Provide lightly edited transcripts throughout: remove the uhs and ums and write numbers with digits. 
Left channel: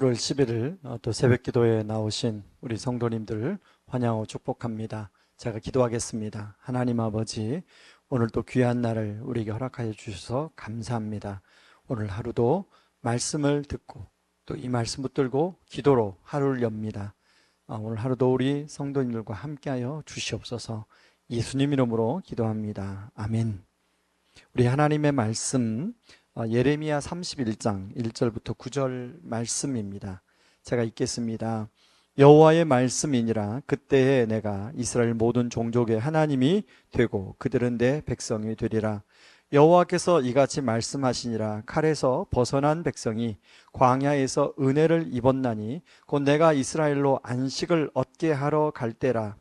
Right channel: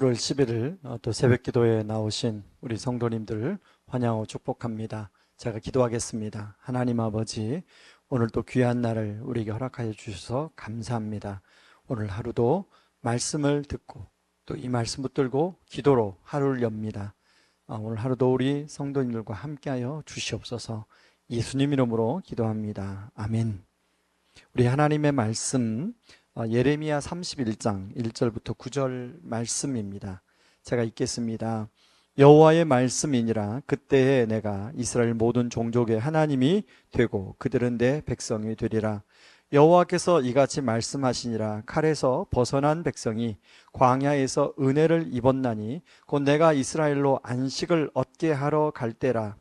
7월 11일 또 새벽 기도에 나오신 우리 성도님들 환영하고 축복합니다. 제가 기도하겠습니다. 하나님 아버지, 오늘 또 귀한 날을 우리에게 허락하여 주셔서 감사합니다. 오늘 하루도 말씀을 듣고 또 이 말씀 붙들고 기도로 하루를 엽니다. 오늘 하루도 우리 성도님들과 함께하여 주시옵소서. 예수님 이름으로 기도합니다. 아멘. 우리 하나님의 말씀 예레미야 31장 1절부터 9절 말씀입니다. 제가 읽겠습니다. 여호와의 말씀이니라. 그때에 내가 이스라엘 모든 종족의 하나님이 되고 그들은 내 백성이 되리라. 여호와께서 이같이 말씀하시니라. 칼에서 벗어난 백성이 광야에서 은혜를 입었나니 곧 내가 이스라엘로 안식을 얻게 하러 갈 때라.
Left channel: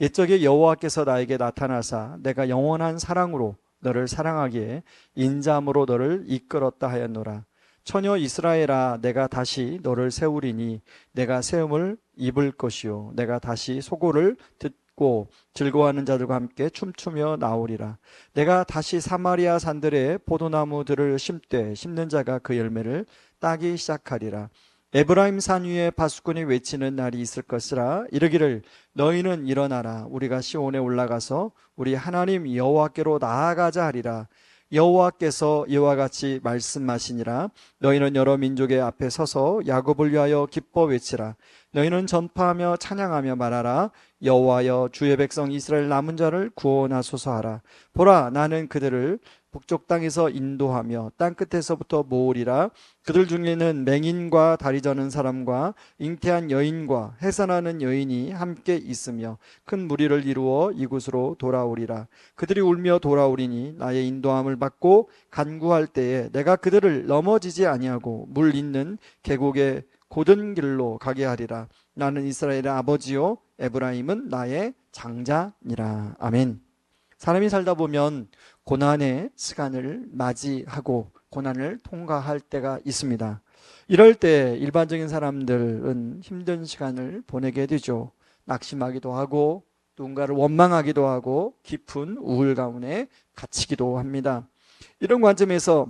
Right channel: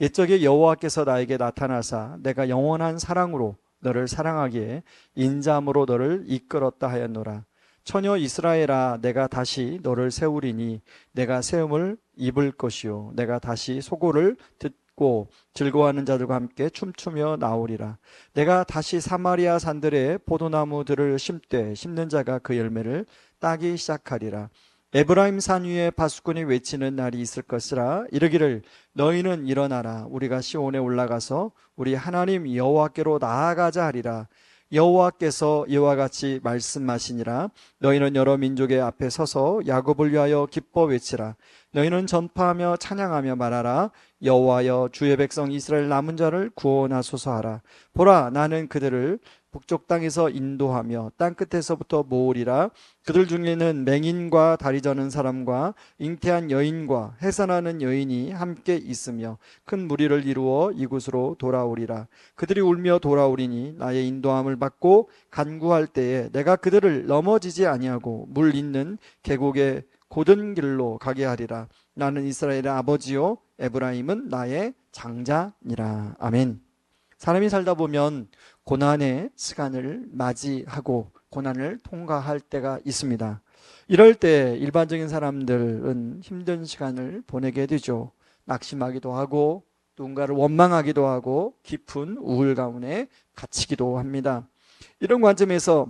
옛적에 여호와께서 나에게 나타나사 내가 영원한 사랑으로 너를 사랑하기에 인자함으로 너를 이끌었다 하였노라. 처녀 이스라엘아, 내가 다시 너를 세우리니 내가 세움을 입을 것이요 내가 다시 소고를 듣고 즐거워하는 자들과 함께 춤추며 나오리라. 내가 다시 사마리아 산들에 포도나무들을 심되 심는 자가 그 열매를 따기 시작하리라. 에브라임 산 위에 바수꾼이 외치는 날이 있을 것이라. 이르기를 너희는 일어나라. 우리가 시온에 올라가서 우리 하나님 여호와께로 나아가자 하리라. 여호와께서 이와 같이 말씀하시니라. 너희는 여러 민족의 앞에 서서 야곱을 위하여 기뻐 외치라. 너희는 전파하며 찬양하며 말하라. 여호와여, 주의 백성 이스라엘 남은 자를 구원하소서 하라. 보라, 나는 그들을 북쪽 땅에서 인도하며 땅끝에서부터 모으리라. 그들 중에는 맹인과 다리 저는 사람과 잉태한 여인과 해산하는 여인이 함께 있으며 큰 무리를 이루어 이곳으로 돌아오리라. 그들이 울며 돌아오리니 나의 인도함을 받고 간구할 때에 내가 그들을 넘어지지 아니하고 물 있는 계곡의 곧은 길로 가게 하리라. 나는 이스라엘의 아버지요 에브라임은 나의 장자니라. 아멘. 사람이 살다 보면 고난의 시간을 맞이하고 고난을 통과할 때가 있습니다. 이럴 때 일반적인 사람들은 힘든 시간을 보내게 되죠. 낙심하기도 하고 누군가를 원망하기도 하고 깊은 우울 가운데 갇히기도 합니다. 이런 관점에서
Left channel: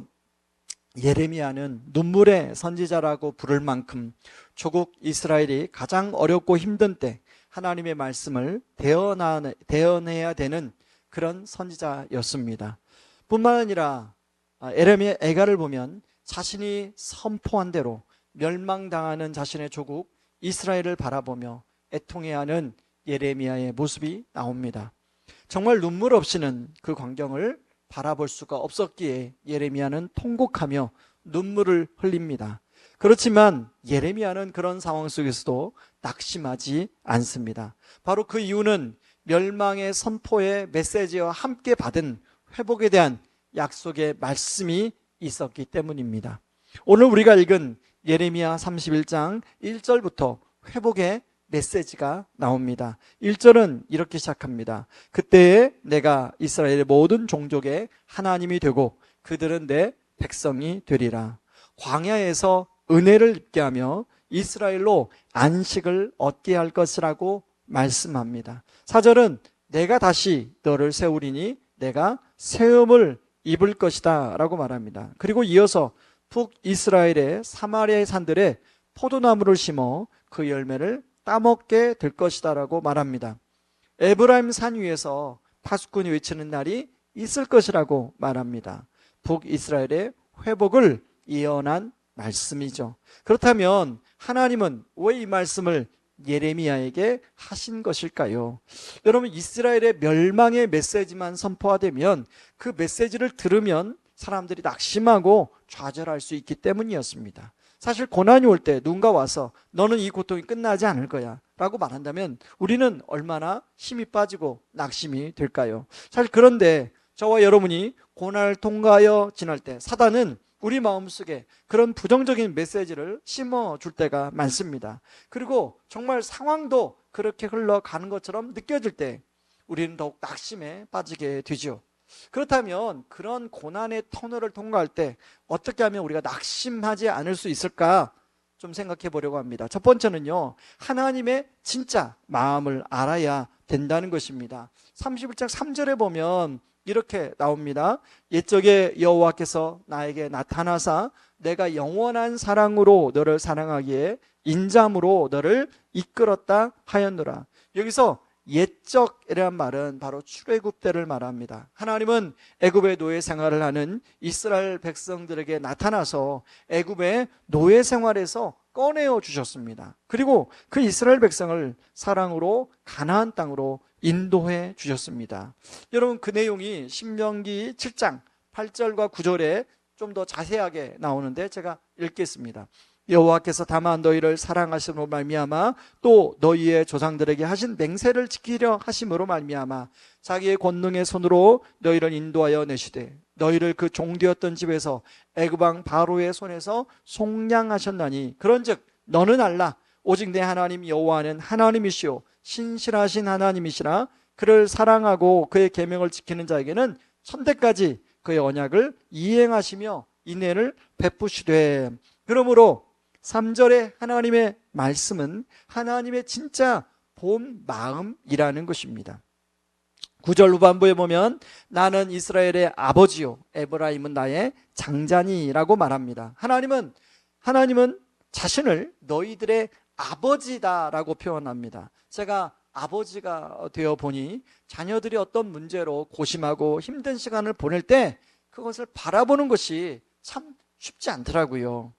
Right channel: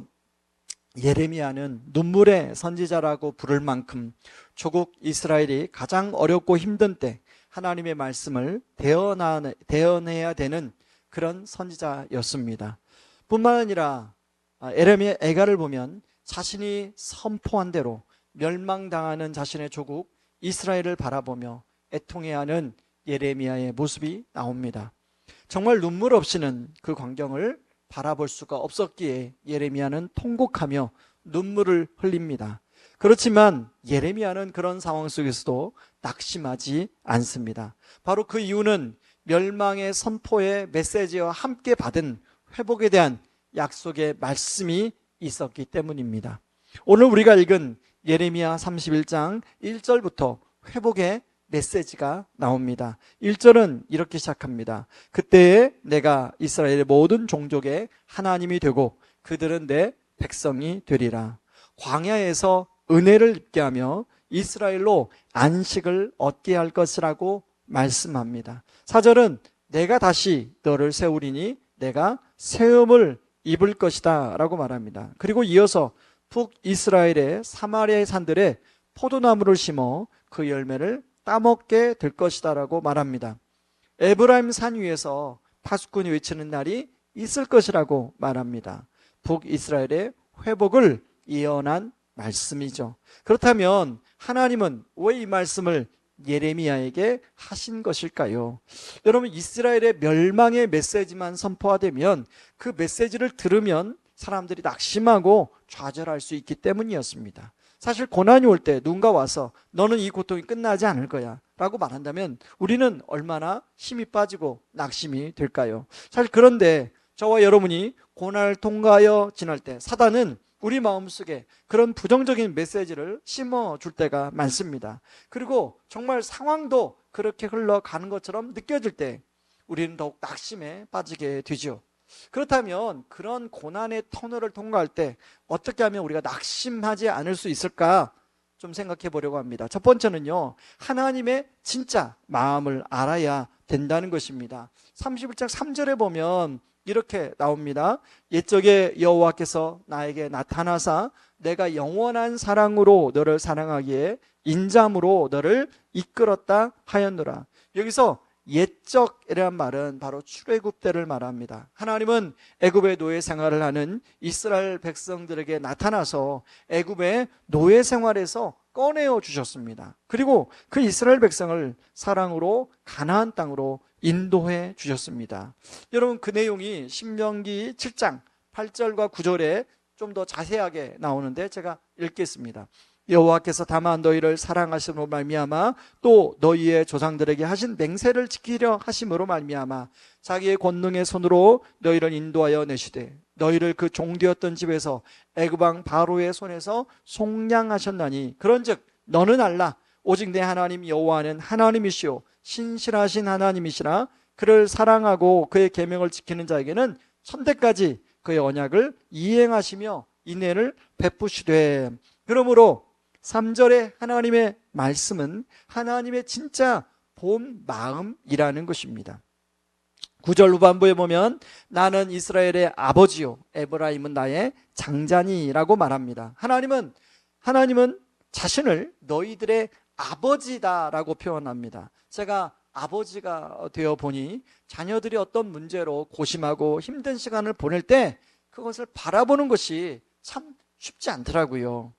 예레미야는 눈물의 선지자라고 부를 만큼 조국 이스라엘이 가장 어렵고 힘든 때 하나님의 말씀을 대언해야 되는 그런 선지자였습니다. 뿐만 아니라 예레미야 애가를 보면 자신이 선포한 대로 멸망당하는 자신의 조국 이스라엘을 바라보며 애통해하는 예레미야의 모습이 나옵니다. 정말 눈물 없이는 그 광경을 바라볼 수가 없었기에 예레미야는 통곡하며 눈물을 흘립니다. 그렇지만 예레미야는 그런 상황 속에서도 낙심하지 않습니다. 바로 그 이유는 멸망의 선포의 메시지와 함께 받은 회복에 대한 약속의 말씀이 있었기 때문입니다. 오늘 우리가 읽은 예레미야 31장 1절부터 회복의 메시지가 나옵니다. 1절은 이렇게 시작합니다. 그때에 내가 이스라엘의 모든 종족의 하나님이 되고 그들은 내 백성이 되리라. 광야에서 은혜를 입게 하며 이스라엘로 안식을 얻게 할 것이라고 말씀합니다. 4절은 내가 다시 너를 세우리니 내가 세움을 입을 것이다 라고 말합니다. 그리고 이어서 북이스라엘의 사마리아의 산들에 포도나무를 심어 그 열매를 따먹게 될 것이다 라고 말합니다. 에브라임 산 위에서 파수꾼이 외치는 날이 있을 것이라고 말합니다. 북이스라엘의 회복을 예언한 말씀이죠. 그렇다면 하나님은 왜 이 말씀을 예레미야에게 하신 것일까요? 여러분, 이스라엘의 멸망의 메시지만 선포되면 그 메시지를 들으면 사람들이 낙심하고 좌절할 수 있기 때문이었습니다. 사실 고난이 올 때 누군가 와서 너는 이 고통이 끝나지 않을 거야 라고 말한다면 우리는 얼마나 힘이 빠지고 낙심이 될까요? 사실 그런데 저와 여러분이 고난을 통과하여 지날 때 사단은 우리 마음속에 그런 부정적인 메시지를 심어줄 때가 많습니다. 그리고 정말 상황도 그렇게 흘러가는 것처럼 느껴질 때 우리는 더욱 낙심에 빠지게 되죠. 그렇다면 그런 고난의 터널을 통과할 때 어떻게 하면 우리가 낙심하지 않을 수 있을까 좀 생각해 보려고 합니다. 첫 번째는요, 하나님의 진짜 마음을 알아야 된다는 것입니다. 31장 3절에 보면 이렇게 나옵니다. 옛적에 여호와께서 나에게 나타나사 내가 영원한 사랑으로 너를 사랑하기에 인자함으로 너를 이끌었다 하였노라. 여기서 옛적이라는 말은 바로 출애굽 때를 말합니다. 하나님은 애굽의 노예 생활을 하는 이스라엘 백성들에게 나타나서 애굽의 노예 생활에서 꺼내어 주셨습니다. 그리고 그 이스라엘 백성을 사랑으로 가나안 땅으로 인도해 주셨습니다. 여러분, 그 내용이 신명기 7장 8절과 9절에 좀 더 자세하게 나오는데 제가 읽겠습니다. 여호와께서 다만 너희를 사랑하심으로 말미암아 또 너희의 조상들에게 하신 맹세를 지키려 하심으로 말미암아 자기의 권능의 손으로 너희를 인도하여 내시되 너희를 그 종되었던 집에서 애굽 왕 바로의 손에서 속량하셨나니 그런즉 너는 알라 오직 내 하나님 여호와는 하나님이시오 신실하신 하나님이시라 그를 사랑하고 그의 계명을 지키는 자에게는 천대까지 그의 언약을 이행하시며 인애를 베푸시되. 그러므로 3절의 하나님의 말씀은 하나님의 진짜 본 마음이라는 것입니다. 9절 후반부에 보면 나는 이스라엘의 아버지요 에브라임은 나의 장자니라고 말합니다. 하나님은 자신을 너희들의 아버지다라고 표현합니다. 제가 아버지가 되어 보니 자녀들이 어떤 문제로 고심하고 힘든 시간을 보낼 때 그것을 바라보는 것이 참 쉽지 않더라고요.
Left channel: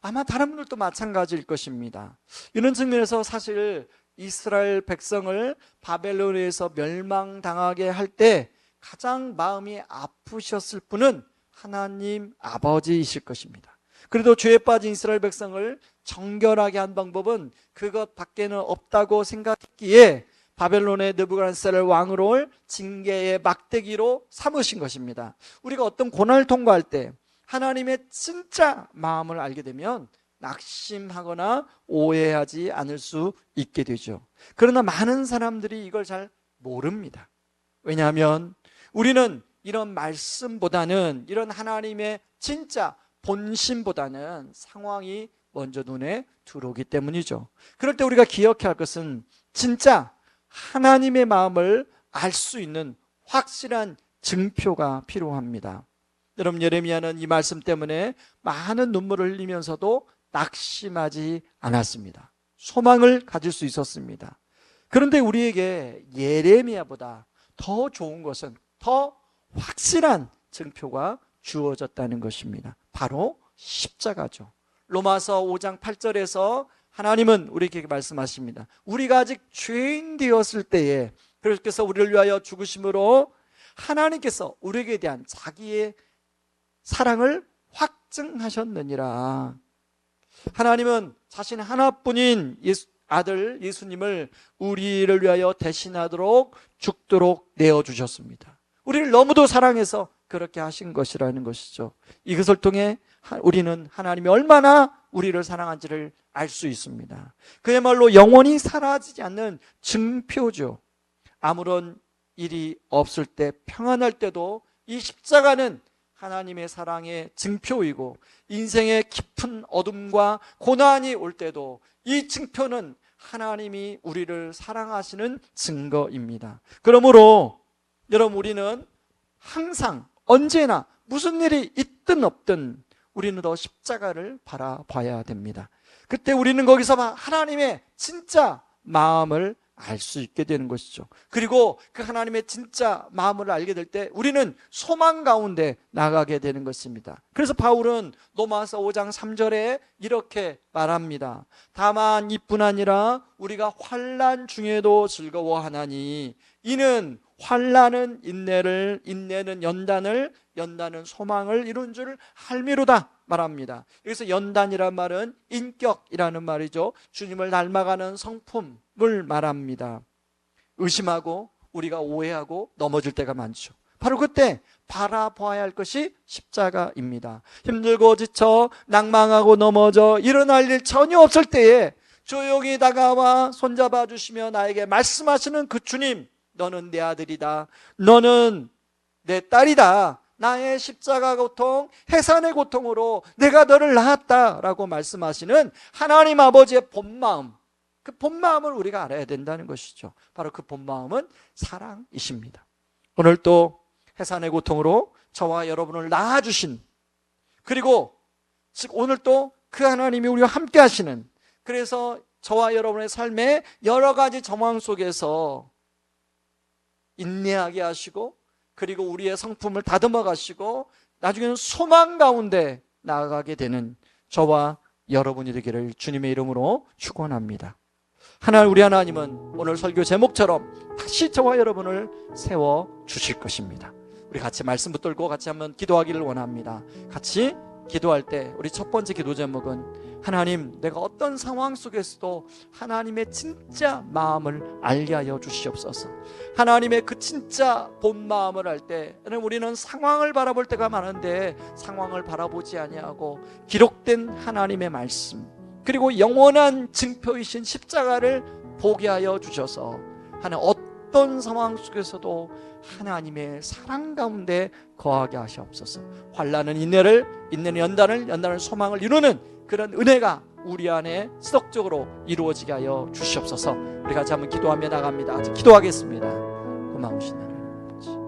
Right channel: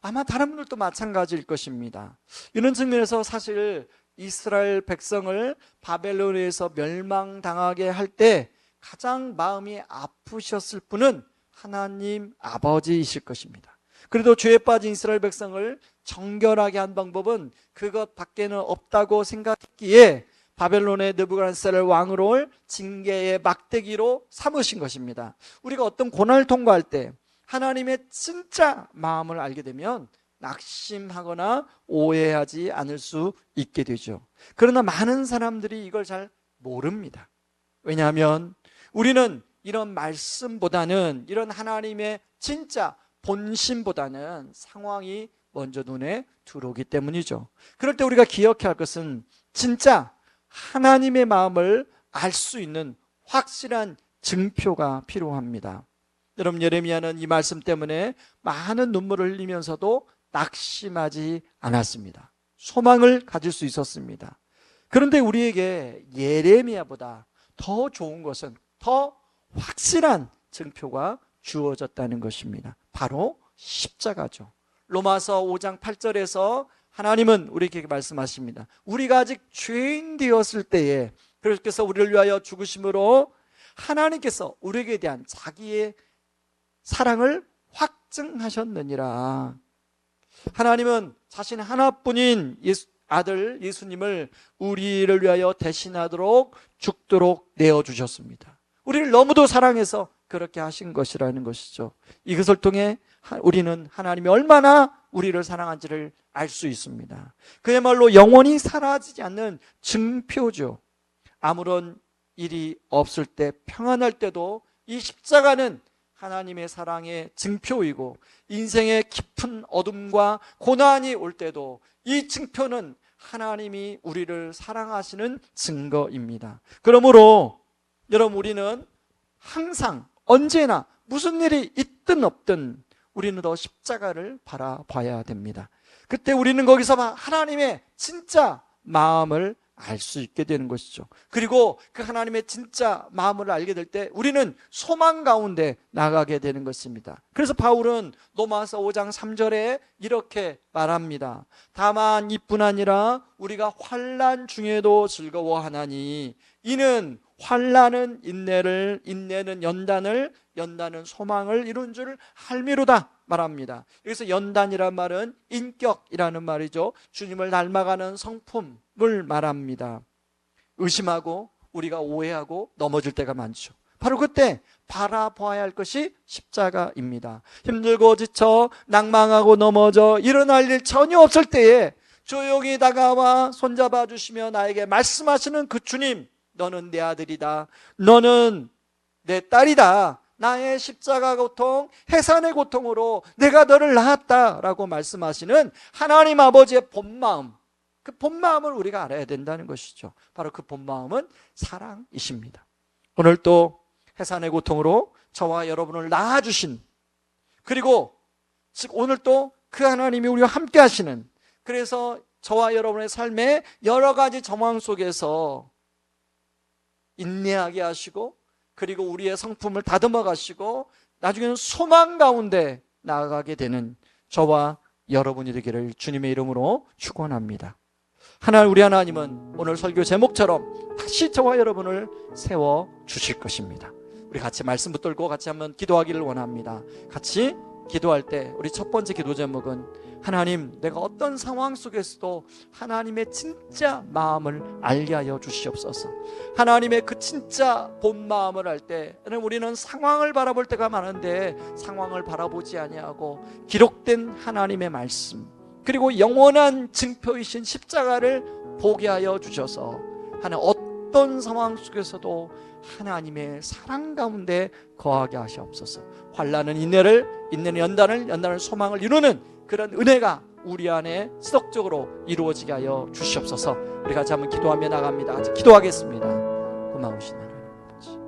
아마 다른 분들도 마찬가지일 것입니다. 이런 측면에서 사실 이스라엘 백성을 바벨론에서 멸망당하게 할 때 가장 마음이 아프셨을 분은 하나님 아버지이실 것입니다. 그래도 죄에 빠진 이스라엘 백성을 정결하게 한 방법은 그것 밖에는 없다고 생각했기에 바벨론의 느부갓네살 왕으로 징계의 막대기로 삼으신 것입니다. 우리가 어떤 고난을 통과할 때 하나님의 진짜 마음을 알게 되면 낙심하거나 오해하지 않을 수 있게 되죠. 그러나 많은 사람들이 이걸 잘 모릅니다. 왜냐하면 우리는 이런 말씀보다는 이런 하나님의 진짜 본심보다는 상황이 먼저 눈에 들어오기 때문이죠. 그럴 때 우리가 기억해야 할 것은 진짜 하나님의 마음을 알 수 있는 확실한 증표가 필요합니다. 여러분, 예레미야는 이 말씀 때문에 많은 눈물을 흘리면서도 낙심하지 않았습니다. 소망을 가질 수 있었습니다. 그런데 우리에게 예레미야보다 더 좋은 것은 더 확실한 증표가 주어졌다는 것입니다. 바로 십자가죠. 로마서 5장 8절에서 하나님은 우리에게 말씀하십니다. 우리가 아직 죄인 되었을 때에 그래서 우리를 위하여 죽으심으로 하나님께서 우리에게 대한 자기의 사랑을 확증하셨느니라. 하나님은 자신 하나뿐인 아들 예수님을 우리를 위하여 대신하도록 죽도록 내어주셨습니다. 우리를 너무도 사랑해서 그렇게 하신 것이라는 것이죠. 이것을 통해 우리는 하나님이 얼마나 우리를 사랑한지를 알 수 있습니다. 그야말로 영원히 사라지지 않는 증표죠. 아무런 일이 없을 때 평안할 때도 이 십자가는 하나님의 사랑의 증표이고 인생의 깊은 어둠과 고난이 올 때도 이 증표는 하나님이 우리를 사랑하시는 증거입니다. 그러므로 여러분, 우리는 항상 언제나 무슨 일이 있든 없든 우리는 더 십자가를 바라봐야 됩니다. 그때 우리는 거기서 하나님의 진짜 마음을 알 수 있게 되는 것이죠. 그리고 그 하나님의 진짜 마음을 알게 될 때 우리는 소망 가운데 나가게 되는 것입니다. 그래서 바울은 로마서 5장 3절에 이렇게 말합니다. 다만 이뿐 아니라 우리가 환난 중에도 즐거워하나니 이는 환난은 인내를, 인내는 연단을, 연단은 소망을 이룬 줄 알미로다 말합니다. 여기서 연단이란 말은 인격이라는 말이죠. 주님을 닮아가는 성품을 말합니다. 의심하고 우리가 오해하고 넘어질 때가 많죠. 바로 그때 바라봐야 할 것이 십자가입니다. 힘들고 지쳐 낭망하고 넘어져 일어날 일 전혀 없을 때에 조용히 다가와 손잡아 주시며 나에게 말씀하시는 그 주님, 너는 내 아들이다, 너는 내 딸이다, 나의 십자가 고통, 해산의 고통으로 내가 너를 낳았다라고 말씀하시는 하나님 아버지의 본마음, 그 본마음을 우리가 알아야 된다는 것이죠. 바로 그 본마음은 사랑이십니다. 오늘 또 해산의 고통으로 저와 여러분을 낳아주신, 그리고 즉 오늘 또 그 하나님이 우리와 함께 하시는, 그래서 저와 여러분의 삶에 여러 가지 정황 속에서 인내하게 하시고, 그리고 우리의 성품을 다듬어 가시고 나중에는 소망 가운데 나아가게 되는 저와 여러분이 되기를 주님의 이름으로 축원합니다. 우리 하나님은 오늘 설교 제목처럼 다시 저와 여러분을 세워 주실 것입니다. 우리 같이 말씀 붙들고 같이 한번 기도하기를 원합니다. 같이 기도할 때 우리 첫 번째 기도 제목은, 하나님, 내가 어떤 상황 속에서도 하나님의 진짜 마음을 알게 하여 주시옵소서. 하나님의 그 진짜 본 마음을 알 때, 우리는 상황을 바라볼 때가 많은데 상황을 바라보지 아니하고 기록된 하나님의 말씀, 그리고 영원한 증표이신 십자가를 보게 하여 주셔서 하나님 어떤 상황 속에서도 하나님의 사랑 가운데 거하게 하시옵소서. 환난은 인내를, 인내는 연단을, 연단은 소망을 이루는 그런 은혜가 우리 안에 지속적으로 이루어지게 하여 주시옵소서. 우리 같이 한번 기도하며 나갑니다. 같이 기도하겠습니다. 고마우신 하나님 아버지,